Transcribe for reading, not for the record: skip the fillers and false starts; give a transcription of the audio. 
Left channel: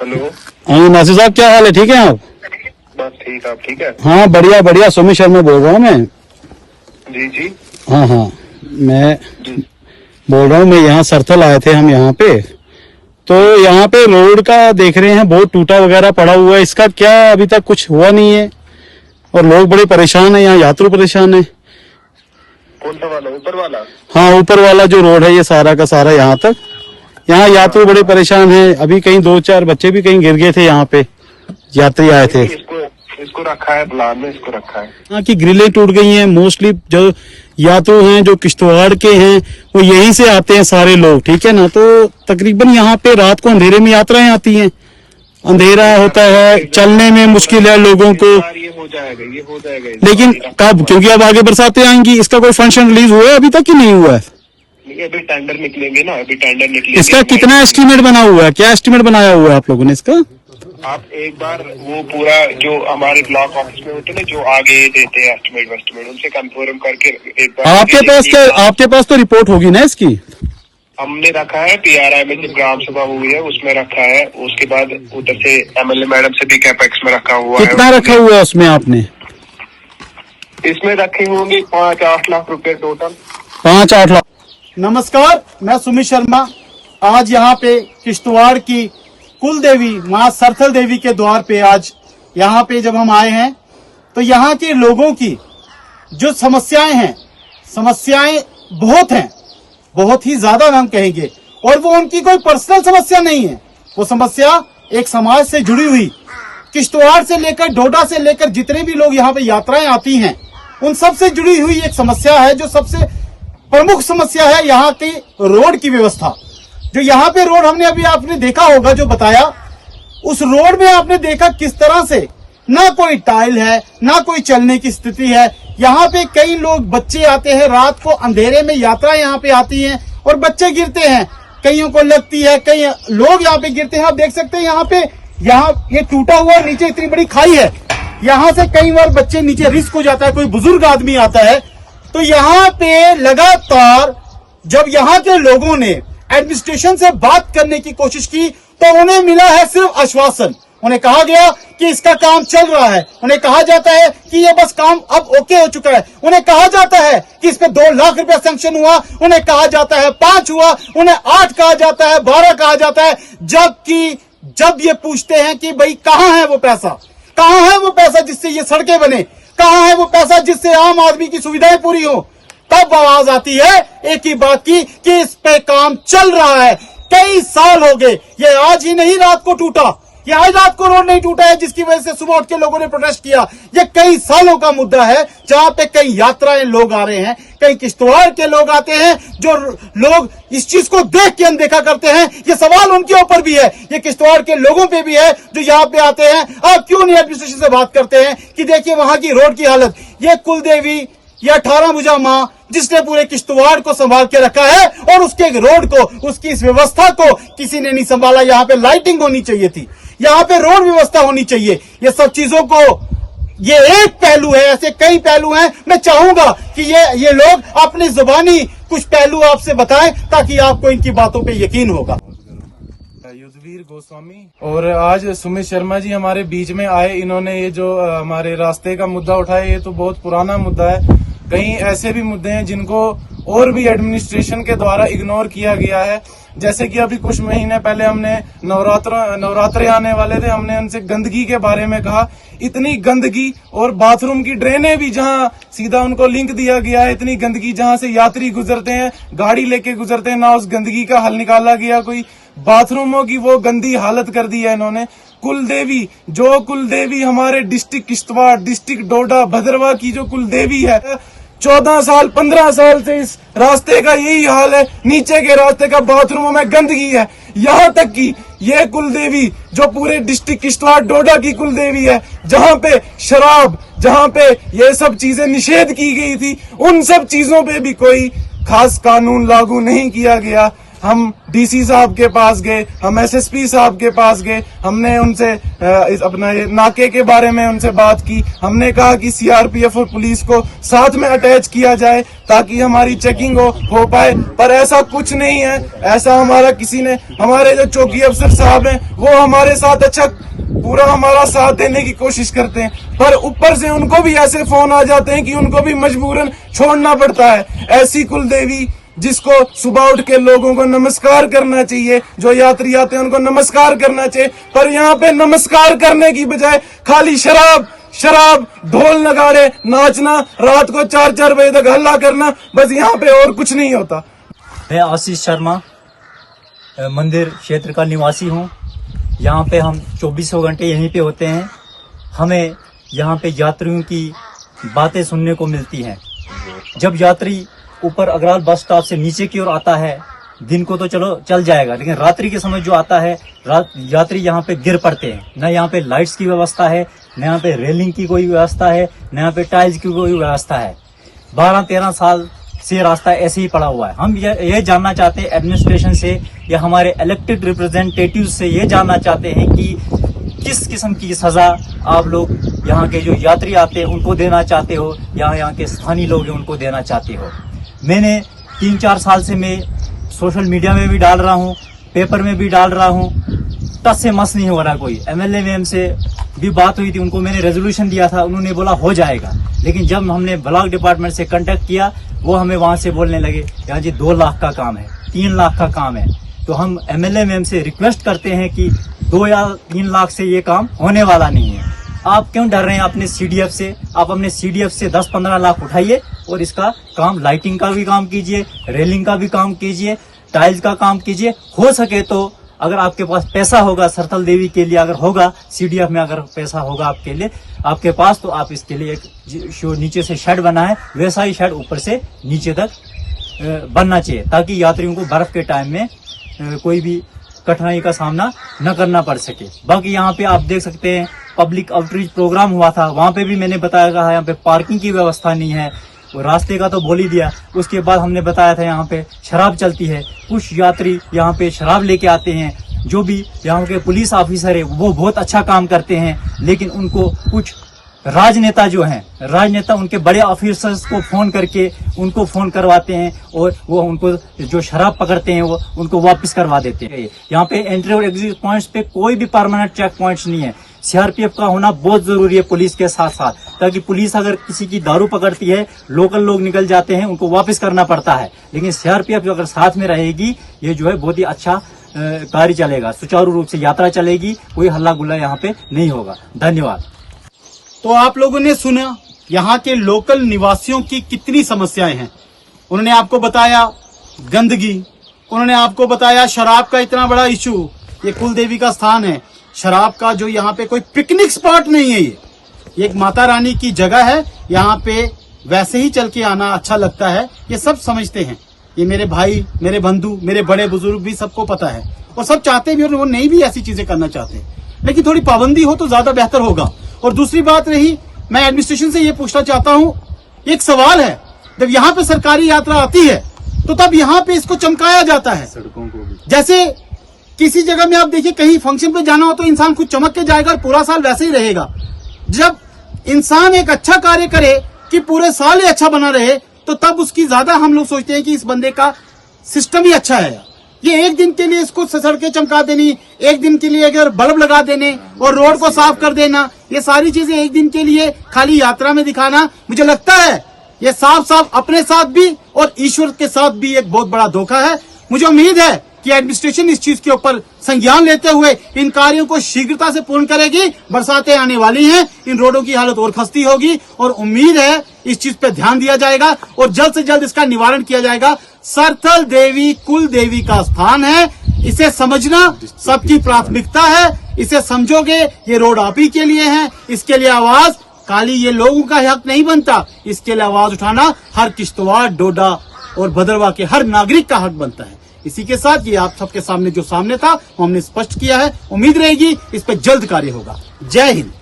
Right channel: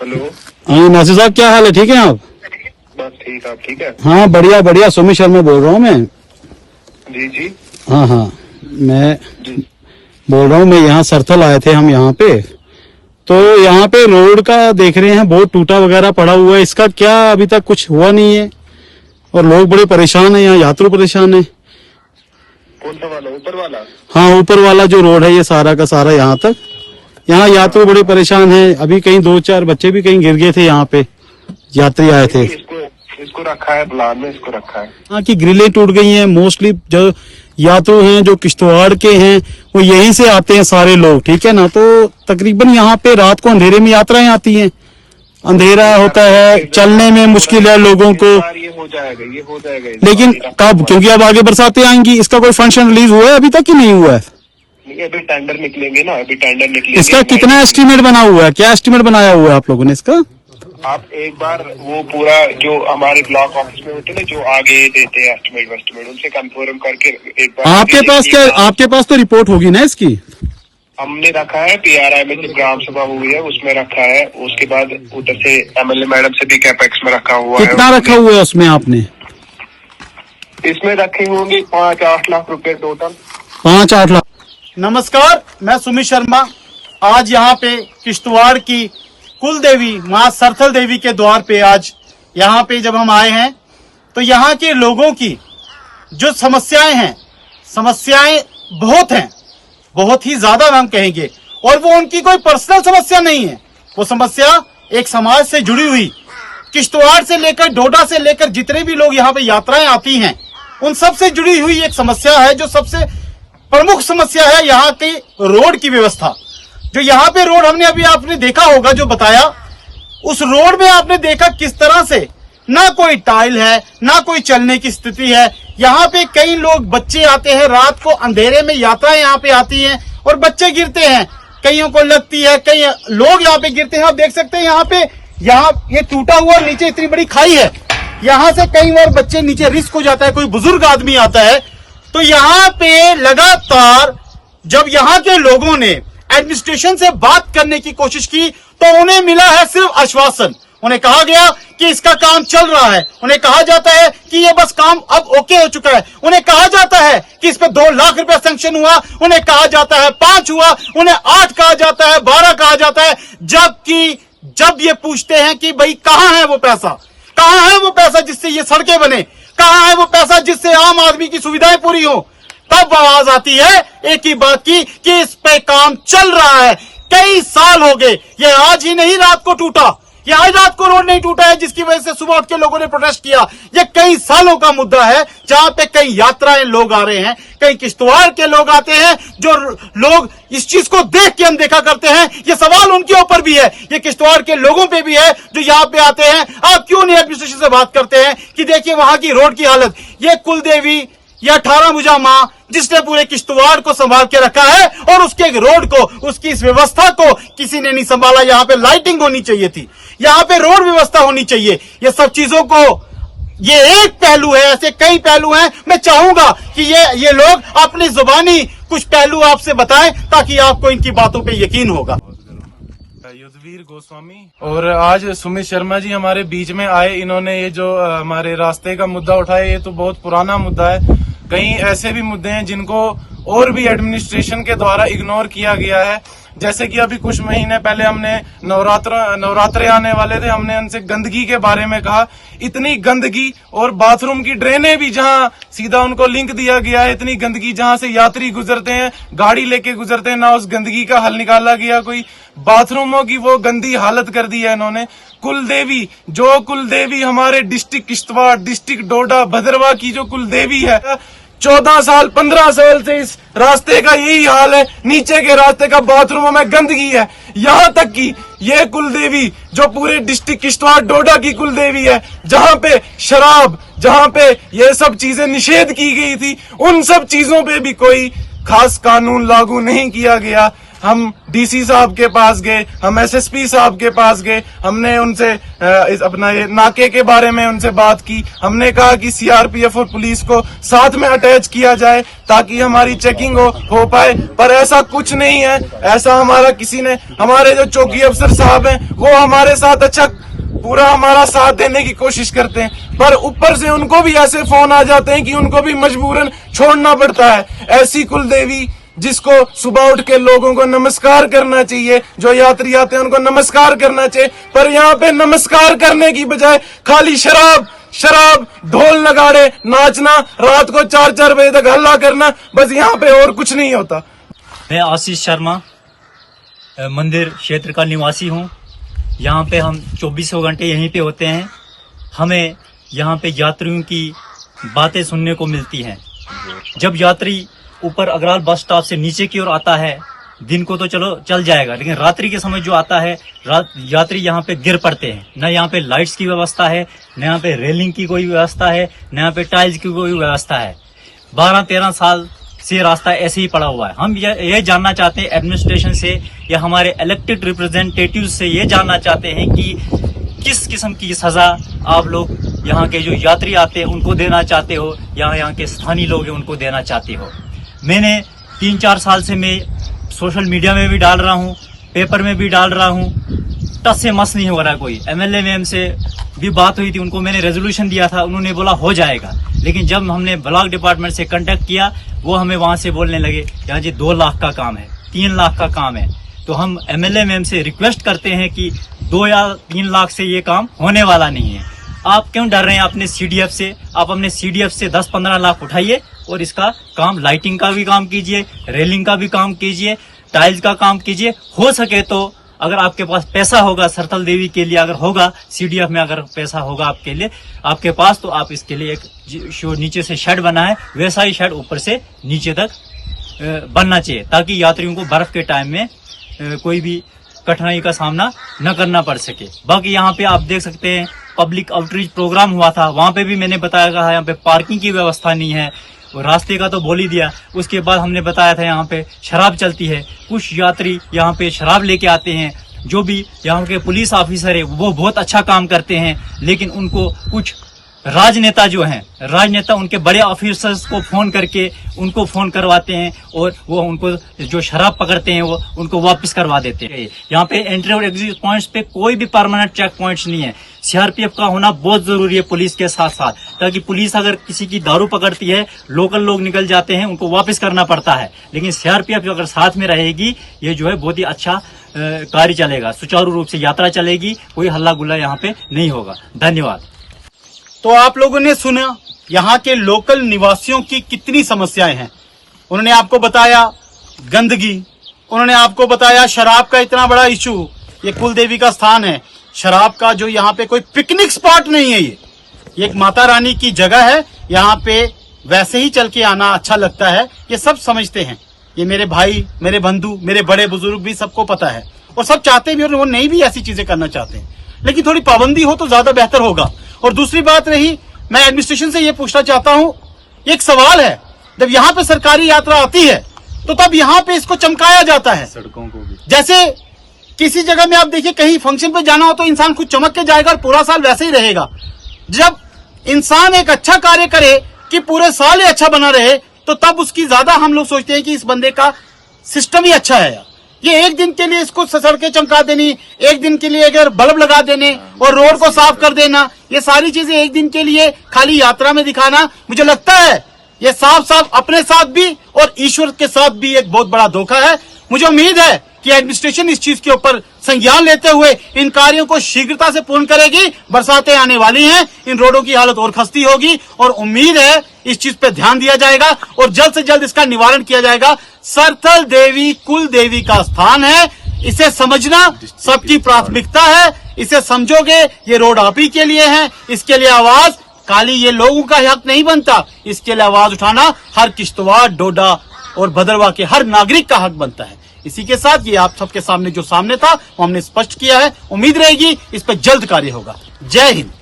Hello. हाँ नासिर साहब, क्या हाल है? ठीक है आप? बस ठीक, आप ठीक है? हाँ बढ़िया बढ़िया। सुमित शर्मा बोल रहा हूँ मैं। जी जी हाँ हाँ, मैं जी। बोल रहा हूँ। मैं यहाँ सरथल आए थे हम यहाँ पे, तो यहाँ पे रोड का देख रहे हैं बहुत टूटा वगैरह पड़ा हुआ है। इसका क्या अभी तक कुछ हुआ नहीं है और लोग बड़े परेशान है, यहाँ यात्रु परेशान है। कौन सा वाला? ऊपर वाला? हाँ ऊपर वाला जो रोड है ये सारा का सारा यहाँ तक, यहाँ यात्रु बड़े परेशान है। अभी कहीं 2-4 बच्चे भी कहीं गिर गए थे, यहाँ पे यात्री आए थे। इसको रखा है प्लान में, इसको रखा है। यहाँ की ग्रिलें टूट गई हैं। मोस्टली जो यात्रु हैं जो किश्तवाड़ के हैं वो यहीं से आते हैं सारे लोग, ठीक है ना। तो तकरीबन यहाँ पे रात को अंधेरे में यात्राएं आती हैं, अंधेरा होता है, चलने में मुश्किल है लोगों को। ये हो जाएगा, ये हो जाएगा। लेकिन कब? क्योंकि अब आगे बरसातें आएंगी। इसका कोई फंक्शन रिलीज हुआ है अभी तक कि नहीं हुआ है? नहीं, अभी टेंडर निकलेंगे ना, अभी टेंडर निकलेंगे। इसका कितना एस्टीमेट बना हुआ है? क्या एस्टीमेट बनाया हुआ है आप लोगों ने इसका? आप एक बार वो पूरा जो हमारे ब्लॉक ऑफिस में होते हैं ना, जो आगे देते हैं एस्टिमेट, उनसे कंफर्म करके एक बार। आपके पास क्या, आपके पास तो रिपोर्ट होगी ना इसकी? हमने रखा है PRI में, जब ग्राम सभा हुई है उसमें रखा है। उसके बाद उधर से MLA मैडम से भी कैपेक्स में रखा हुआ है। कितना रखा हुआ है उसमें आपने? इसमें रखे होंगे 5-8 लाख रुपए टोटल। 5-8 लाख। नमस्कार, मैं सुमित शर्मा। आज यहाँ पे किश्तवाड़ की कुल देवी माँ सरथल देवी के द्वार पे आज यहाँ पे जब हम आए हैं तो यहाँ के लोगों की जो समस्याएं हैं, समस्याएं बहुत हैं, बहुत ही ज्यादा हम कहेंगे। और वो उनकी कोई पर्सनल समस्या नहीं है, वो समस्या एक समाज से जुड़ी हुई, किश्तवाड़ से लेकर डोडा से लेकर जितने भी लोग यहाँ पे यात्राएं आती हैं उन सब से जुड़ी हुई एक समस्या है। जो सबसे प्रमुख समस्या है यहाँ की रोड की व्यवस्था। जो यहाँ पे रोड हमने अभी आपने देखा होगा, जो बताया, उस रोड में आपने देखा किस तरह से ना कोई टाइल है, ना कोई चलने की स्थिति है। यहाँ पे कई लोग, बच्चे आते हैं रात को अंधेरे में, यात्राएं यहाँ पे आती हैं और बच्चे गिरते हैं, कईयों को लगती है, कई लोग यहाँ पे गिरते हैं। आप देख सकते हैं यहाँ पे, यहाँ ये टूटा हुआ, नीचे इतनी बड़ी खाई है, यहाँ से कई बार बच्चे नीचे रिस्क हो जाता है, कोई बुजुर्ग आदमी आता है। तो यहाँ पे लगातार जब यहाँ के लोगों ने एडमिनिस्ट्रेशन से बात करने की कोशिश की तो उन्हें मिला है सिर्फ आश्वासन। उन्हें कहा गया कि इसका काम चल रहा है, उन्हें कहा जाता है कि ये बस काम अब ओके हो चुका है, उन्हें कहा जाता है कि इस पे 2 लाख रुपया सैंक्शन हुआ, उन्हें कहा जाता है 5 हुआ, उन्हें 8 कहा जाता है, 12 कहा जाता है। जबकि जब ये पूछते हैं कि भाई कहाँ है वो पैसा, कहाँ है वो पैसा जिससे ये सड़कें बने, कहाँ है वो पैसा जिससे आम आदमी की सुविधाएं पूरी हो, तब आवाज आती है एक ही बात की कि इस पे काम चल रहा है। कई साल हो गए, ये आज ही नहीं रात को टूटा, ये आज रात को रोड नहीं टूटा है जिसकी वजह से सुबह उठ के लोगों ने प्रोटेस्ट किया। ये कई सालों का मुद्दा है, जहां पे कई यात्राएं लोग आ रहे हैं, कई किश्तवाड़ के लोग आते हैं, जो लोग इस चीज को देख के अनदेखा करते हैं। ये सवाल उनके ऊपर भी है, ये किश्तवाड़ के लोगों पे भी है जो यहाँ पे आते हैं। आप क्यों नहीं एडमिनिस्ट्रेशन से बात करते हैं कि देखिए वहां की रोड की हालत। ये कुल देवी या 18 भुजा माँ जिसने पूरे किश्तवाड़ को संभाल के रखा है, और उसके रोड को, उसकी इस व्यवस्था को किसी ने नहीं संभाला। यहाँ पे लाइटिंग होनी चाहिए थी, यहाँ पे रोड व्यवस्था होनी चाहिए। ये सब चीजों को, ये एक पहलू है, ऐसे कई पहलू हैं। मैं चाहूंगा कि ये लोग अपनी जुबानी कुछ पहलू आपसे बताएं ताकि आपको इनकी बातों पे यकीन होगा। युद्धवीर गोस्वामी और आज सुमित शर्मा जी हमारे बीच में आए। इन्होंने ये जो हमारे रास्ते का मुद्दा उठाया, ये तो बहुत पुराना मुद्दा है। कई ऐसे भी मुद्दे हैं जिनको और भी एडमिनिस्ट्रेशन के द्वारा इग्नोर किया गया है। जैसे कि अभी कुछ महीने पहले हमने नवरात्रे आने वाले थे, हमने उनसे गंदगी के बारे में कहा। इतनी गंदगी, और बाथरूम की ड्रेनें भी जहां सीधा उनको लिंक दिया गया है, इतनी गंदगी जहां से यात्री गुजरते हैं, गाड़ी लेके गुजरते हैं, ना उस गंदगी का हल निकाला गया कोई। बाथरूमों की वो गंदी हालत कर दी है इन्होंने। कुलदेवी, जो कुलदेवी हमारे डिस्ट्रिक्ट किश्तवाड़, डिस्ट्रिक्ट डोडा, भद्रवा की जो कुलदेवी है, 14 साल 15 साल से इस रास्ते का यही हाल है। नीचे के रास्ते का बाथरूमों में गंदगी है। यहाँ तक कि ये कुलदेवी जो पूरे डिस्ट्रिक्ट किश्तवाड़ डोडा की कुलदेवी है, जहाँ पे शराब, जहाँ पे ये सब चीजें निषेध की गई थी, उन सब चीजों पे भी कोई खास कानून लागू नहीं किया गया। हम डीसी साहब के पास गए, हम एसएसपी साहब के पास गए, हमने उनसे अपना ये नाके के बारे में उनसे बात की। हमने कहा कि सीआरपीएफ और पुलिस को साथ में अटैच किया जाए ताकि हमारी चेकिंग हो पाए, पर ऐसा कुछ नहीं है। ऐसा हमारे जो चौकी अफसर साहब हैं वो हमारे साथ अच्छा पूरा हमारा साथ देने की कोशिश करते हैं, पर ऊपर से उनको भी ऐसे फोन आ जाते हैं कि उनको भी मजबूरन छोड़ना पड़ता है। ऐसी कुलदेवी जिसको सुबह उठ के लोगों को नमस्कार करना चाहिए, जो यात्री आते हैं उनको नमस्कार करना चाहिए, पर यहाँ पे नमस्कार करने की बजाय खाली शराब ढोल नगाड़े नाचना, रात को 4-4 बजे तक हल्ला करना, बस यहाँ पे और कुछ नहीं होता। मैं आशीष शर्मा मंदिर क्षेत्र का निवासी हूँ। यहाँ पे हम 24 घंटे यहीं पे होते हैं। हमें यहाँ पे यात्रियों की बातें सुनने को मिलती हैं। जब यात्री ऊपर अगराल बस स्टॉप से नीचे की ओर आता है, दिन को तो चलो चल जाएगा, लेकिन रात्रि के समय जो आता है यात्री यहाँ पे गिर पड़ते हैं। न यहाँ पे लाइट्स की व्यवस्था है, न यहाँ पे रेलिंग की कोई व्यवस्था है, न यहाँ पे टाइल्स की कोई व्यवस्था है। 12-13 साल से रास्ता ऐसे ही पड़ा हुआ है। हम ये जानना चाहते हैं एडमिनिस्ट्रेशन से या हमारे इलेक्टेड रिप्रेजेंटेटिव से ये जानना चाहते हैं कि किस किस्म की सजा आप लोग यहाँ के जो यात्री आते हैं उनको देना चाहते हो या यहाँ के स्थानीय लोग हैं उनको देना चाहते हो। मैंने 3-4 साल से मैं सोशल मीडिया में भी डाल रहा हूँ, पेपर में भी डाल रहा हूँ, टच से मस नहीं हो रहा। कोई एमएलए मैम से भी बात हुई थी, उनको मैंने रेजोल्यूशन दिया था, उन्होंने बोला हो जाएगा, लेकिन जब हमने ब्लॉक डिपार्टमेंट से कांटेक्ट किया वो हमें वहां से बोलने लगे यहाँ जी 2 लाख का काम है, 3 लाख का काम है। तो हम एमएलए मैम से रिक्वेस्ट करते हैं कि 2 या 3 लाख से ये काम होने वाला नहीं है। आप क्यों डर रहे हैं अपने सीडीएफ से? आप अपने सीडीएफ से 10-15 लाख उठाइए और इसका काम, लाइटिंग का भी काम कीजिए, रेलिंग का भी काम कीजिए, टाइल्स का काम कीजिए। हो सके तो अगर आपके पास पैसा होगा सरथल देवी के लिए, अगर होगा सीडीएफ में अगर पैसा होगा आपके लिए, आपके पास, तो आप इसके लिए एक नीचे से शेड बनाए, वैसा ही शेड ऊपर से नीचे तक बनना चाहिए ताकि यात्रियों को बर्फ के टाइम में कोई भी कठिनाई का सामना न करना पड़ सके। बाकी यहाँ पे आप देख सकते हैं पब्लिक आउटरीच प्रोग्राम हुआ था, वहां पे भी मैंने बताया था यहाँ पे पार्किंग की व्यवस्था नहीं है, रास्ते का तो बोल ही दिया। उसके बाद हमने बताया था यहाँ पे शराब चलती है, कुछ यात्री यहाँ पे शराब लेके आते हैं। जो भी यहाँ के पुलिस ऑफिसर है वो बहुत अच्छा काम करते हैं, लेकिन उनको कुछ राजनेता जो हैं, राजनेता उनके बड़े ऑफिसर्स को फोन करके उनको फोन करवाते हैं और वो उनको जो शराब पकड़ते हैं वो उनको वापस करवा देते हैं। यहाँ पे एंट्री और एग्जिट पॉइंट्स पे कोई भी परमानेंट चेक पॉइंट्स नहीं है। सीआरपीएफ का होना बहुत जरूरी है पुलिस के साथ साथ, ताकि पुलिस अगर किसी की दारू पकड़ती है, लोकल लोग निकल जाते हैं, उनको वापस करना पड़ता है, लेकिन सीआरपीएफ अगर साथ में रहेगी ये जो है बहुत ही अच्छा कार्य चलेगा, सुचारू रूप से यात्रा चलेगी, कोई हल्ला गुल्ला यहाँ पे नहीं होगा। धन्यवाद। तो आप लोगों ने सुना यहाँ के लोकल निवासियों की कितनी समस्याएं हैं। उन्होंने आपको बताया गंदगी, उन्होंने आपको बताया शराब का इतना बड़ा इशू। ये कुलदेवी का स्थान है, शराब का जो यहाँ पे कोई पिकनिक स्पॉट नहीं है, ये एक माता रानी की जगह है। यहाँ पे वैसे ही चल के आना अच्छा लगता है, ये सब समझते हैं। ये मेरे भाई, मेरे बंधु, मेरे बड़े बुजुर्ग भी सबको पता है और सब चाहते भी, और वो नहीं भी ऐसी चीजें करना चाहते, लेकिन थोड़ी पाबंदी हो तो ज्यादा बेहतर होगा। और दूसरी बात रही, मैं एडमिनिस्ट्रेशन से ये पूछना चाहता हूँ, एक सवाल है, जब यहाँ पे सरकारी यात्रा आती है तो तब यहाँ पे इसको चमकाया जाता है सड़कों को भी। जैसे किसी जगह में आप देखिए कहीं फंक्शन पे जाना हो तो इंसान खुद चमक के जाएगा और पूरा साल वैसे ही रहेगा। जब इंसान एक अच्छा कार्य करे कि पूरे साल ही अच्छा बना रहे, तो तब उसकी ज्यादा हम लोग सोचते हैं कि इस बंदे का सिस्टम ही अच्छा है। ये एक दिन के लिए इसको सड़कें चमका देनी, एक दिन के लिए अगर बल्ब लगा देने और रोड को साफ कर देना, ये सारी चीजें एक दिन के लिए खाली यात्रा में दिखाना, मुझे लगता है ये साफ साफ अपने साथ भी और ईश्वर के साथ भी एक बहुत बड़ा धोखा है। मुझे उम्मीद है कि एडमिनिस्ट्रेशन इस चीज के ऊपर संज्ञान लेते हुए इन कार्यों को शीघ्रता से पूर्ण करेगी। बरसातें आने वाली हैं, इन रोडों की हालत और खस्ती होगी और उम्मीद है इस चीज पे ध्यान दिया जाएगा और जल्द से जल्द इसका निवारण किया जाएगा। सरथल देवी कुल देवी का स्थान है, इसे समझना सबकी प्राथमिकता है। इसे समझोगे, ये रोड आप ही के लिए है, इसके लिए आवाज काली ये लोगों का हक नहीं बनता, इसके लिए आवाज उठाना हर किश्तवाड़, डोडा और भदरवा के हर नागरिक का हक बनता है। इसी के साथ ये आप सबके सामने जो सामने था वो हमने स्पष्ट किया है। उम्मीद रहेगी इस पर जल्द कार्य होगा। जय हिंद।